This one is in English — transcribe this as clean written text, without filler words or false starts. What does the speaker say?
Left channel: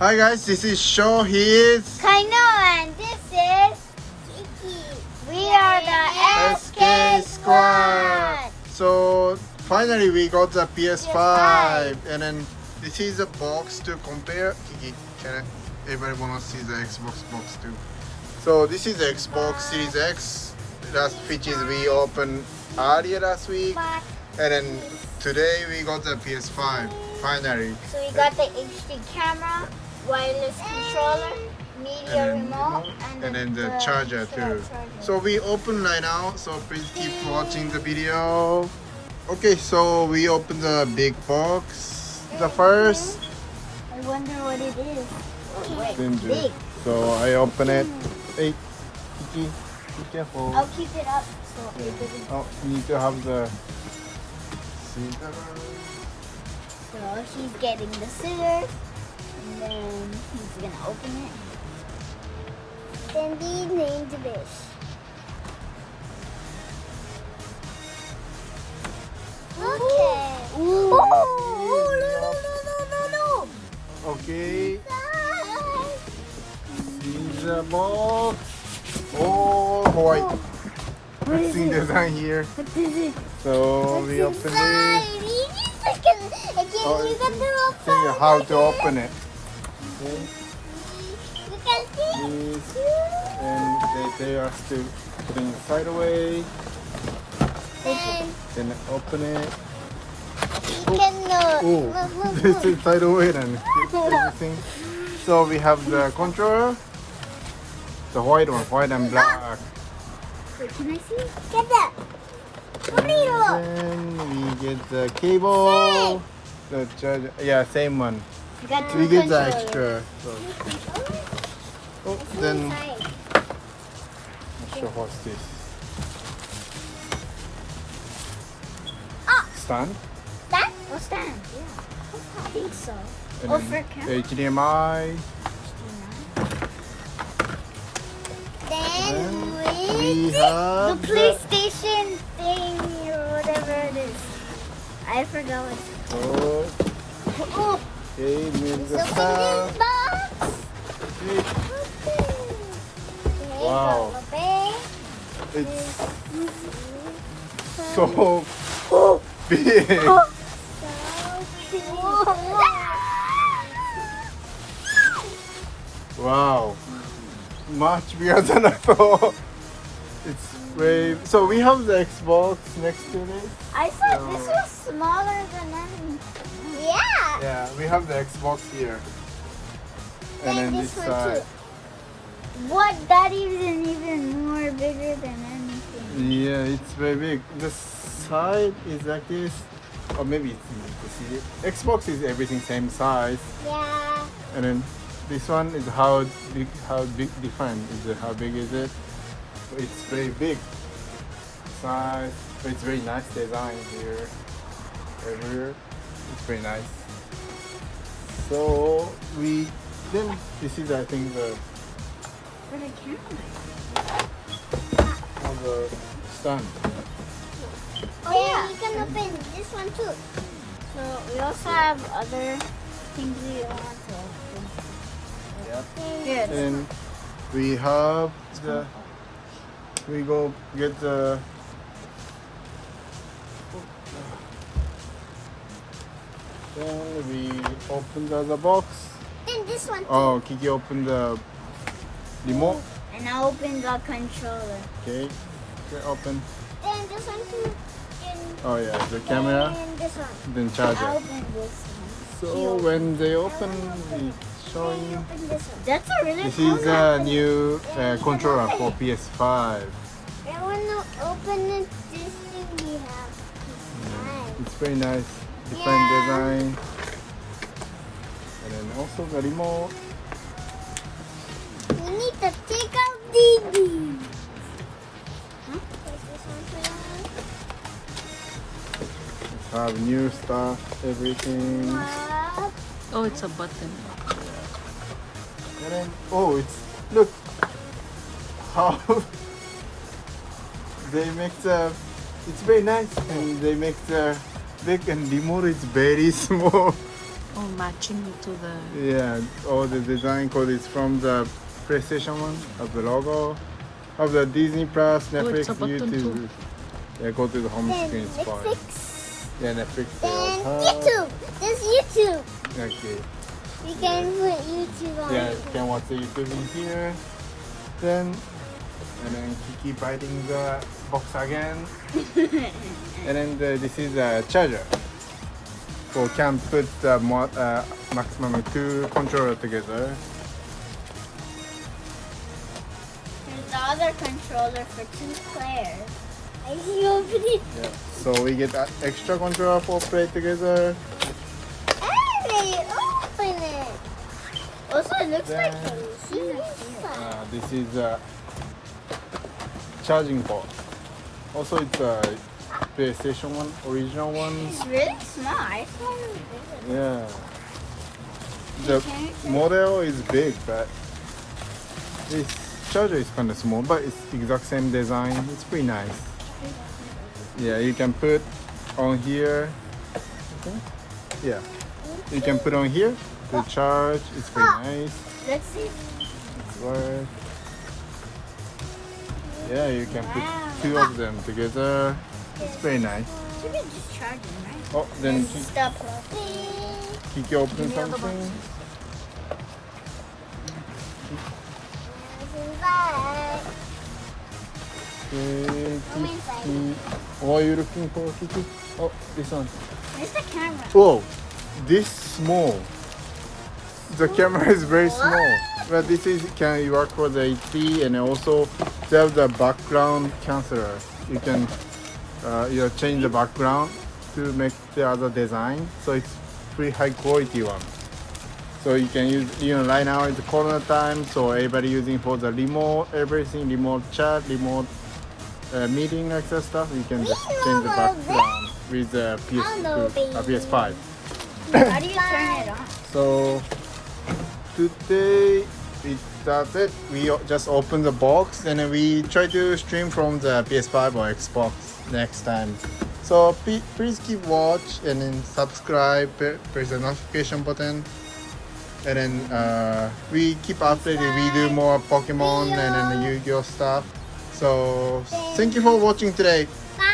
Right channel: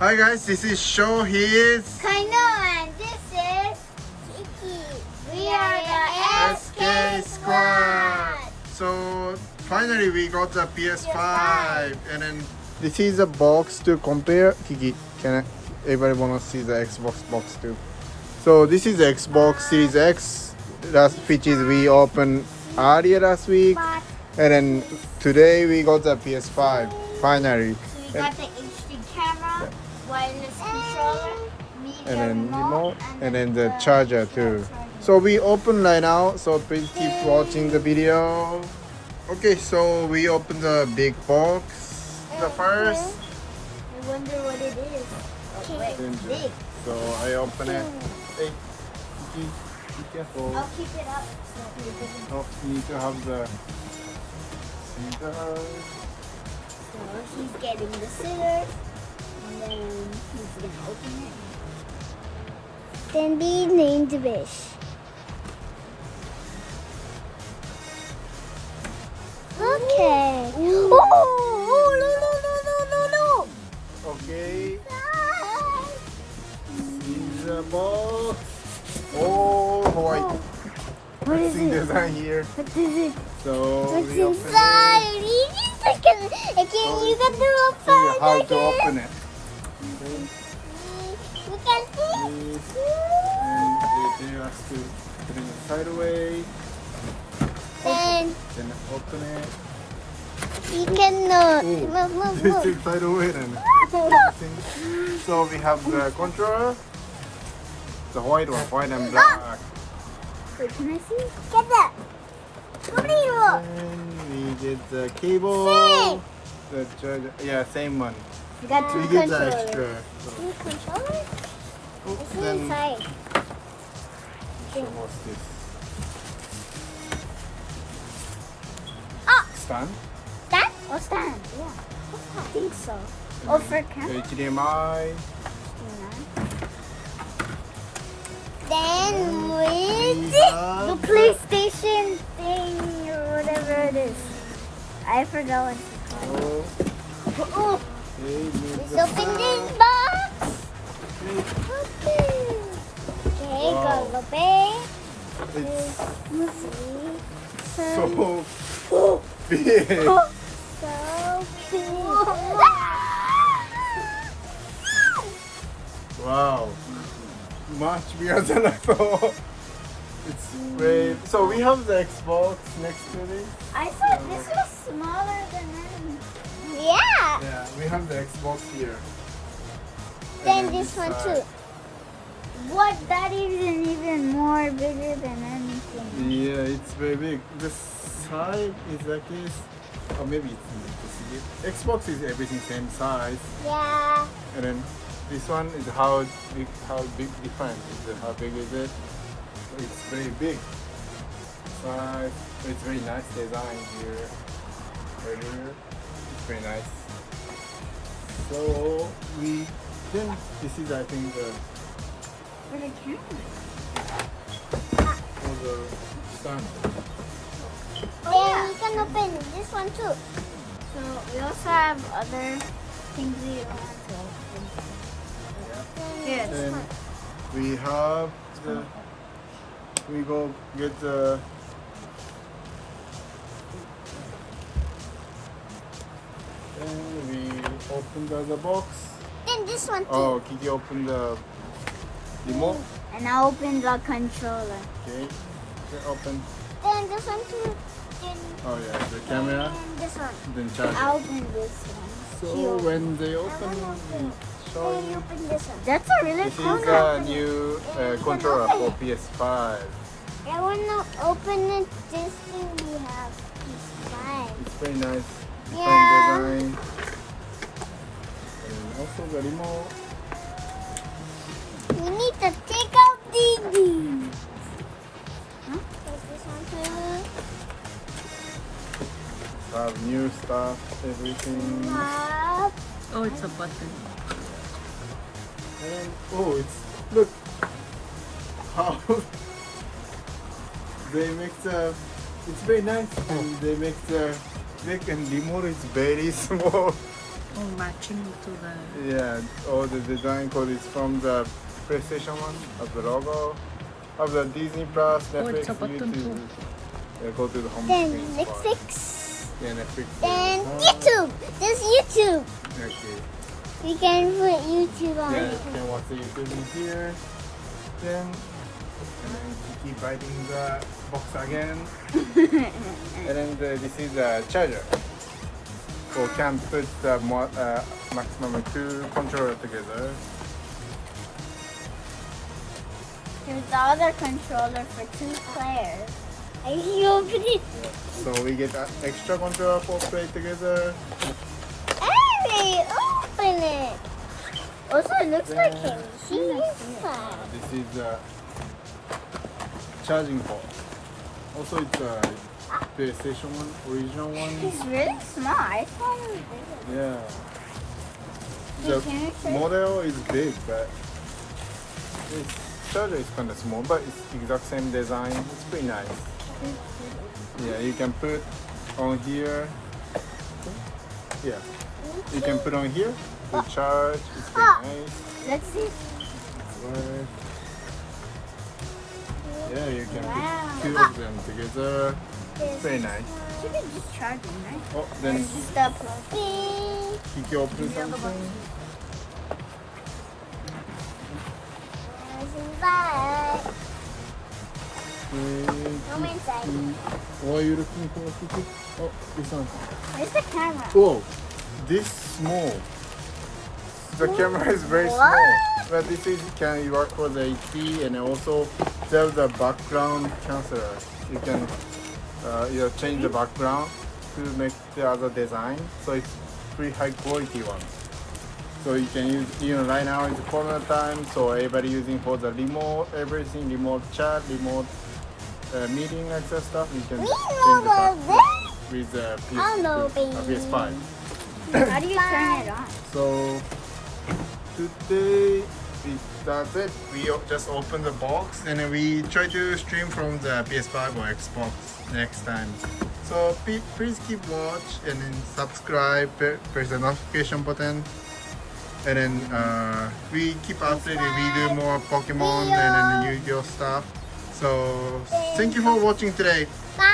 Hi guys, this is Sho. He is Kaino and this is Kiki. We are the SK Squad. So finally we got the PS5 and then this is a box to compare. Kiki, can everybody wanna see the Xbox box too? So this is the Xbox Series X, which is we opened earlier last week, But and then today we got the PS5 finally. so we got the HD camera, wireless controller, media And then remote, and then the charger too. charger. So we open right now, so please keep watching the video. Okay, so we open the big box the first. I wonder what it is. Oh, wait, Ginger. big. So I open it. Hey, be careful. I'll keep it up so it doesn't. Oh, you need to have the scissors. So he's getting the scissors, and then he's gonna open it. Then be named Wish. Okay. Ooh. Oh, no. Okay. In the box. Oh boy. What is Interesting it? design here. What is it? So What's we open inside? it. Oh, You can do it See how to open it. You can see. This, and they are still putting it right away. And Then open it. you can Oh, this is right away then. Everything. So we have the controller, the white and black. Wait, can I see? Get that. Burrito. Then we get the cable. The charger. Yeah, same one. We got two We get the controllers. extra. Two controllers? Oh, What's then inside? show us this. Ah, Stand. stand? Oh, stand. Yeah. I think so. And Oh, then for camera? HDMI. Then We with have the PlayStation thing or whatever it is. I forgot what it's Oh, called. Oh, okay, move let's the open this stuff. box. Okay, Wow. so the bag It's is so big. so cool. Wow. Much bigger than I thought. It's very. So we have the Xbox next to it. I thought this was smaller than any. Yeah. Yeah, we have the Xbox here. Then this one too. What? That isn't even more bigger than anything. Yeah, it's very big. The side is like this. Or maybe it's easy to see it. Xbox is everything same size. Yeah. And then this one is how big different is it? How big is it? So it's very big. Size. It's very nice design here. Right here. It's very nice. So then this is I think the For the camera. the stand. Oh yeah. You can open this one too. So we also have other things we want to open. Here. And we have we go get the then we open the other box. Then this one too. Oh, Kiki open the remote. And I opened the controller. Okay. Okay, open. Then this one too. Oh yeah, the camera. And this one. Then I charger. opened this one. So when they open, Then show open this one. That's a really this cool is a new controller for PS5. I want to open it just so we have time. It's very nice, different Yeah. design. And then also the remote. We need to take out these. Huh? Take this one too. Have new stuff, everything. Up. Oh, it's a button. And then, oh, it's look how they make the. It's very nice, and they make the big and remote is very small. Oh, matching to the. Yeah, all the design code is from the PlayStation of the logo of the Disney Plus, Oh, Netflix, it's a button YouTube. too. Yeah, go to the home Then screen. It's fine. Netflix. Yeah, Netflix. Then YouTube. There's YouTube. Okay. We can put YouTube on Yeah, it. you can watch the YouTube in here. Then, and then keep biting the box again. And then this is a charger. So can put the maximum 2 controller together. There's the other controller for 2 players. I can open it. So we get an extra controller for play together. Hey, open it. Also, it looks like a machine inside. This is a charging port. Also, it's a PlayStation one, original one. It's really small. I thought it was bigger. Yeah. Hey, can you The check? model is big, but this charger is kind of small, but it's exact same design. It's pretty nice. Yeah, you can put on here. Yeah, you can put on here to charge. It's pretty nice. Let's see. Work. Yeah, you can Wow. put 2 of them together. It's very nice. You can just charge them, right? Oh, then And stop plugging. you can open the other something. Go inside. What are you looking for, Kiki? Oh, this one. Where's the camera? Whoa, this small. The camera is very small. What? But this is can work for the HP and also they have the background canceller. You can change the background to make the other design. So it's pretty high quality one. So you can use, right now is the corona time, so everybody using for the remote, everything, remote chat, remote meeting, etc. You can We just know change the about background with the I know, PS5. How do you turn it on? So today it started. We just opened the box and then we try to stream from the PS5 or Xbox next time. So please keep watch and then subscribe, press the notification button, and then we keep updating. We do more Pokemon and then the Yu-Gi-Oh stuff. So thank you for watching today. Bye.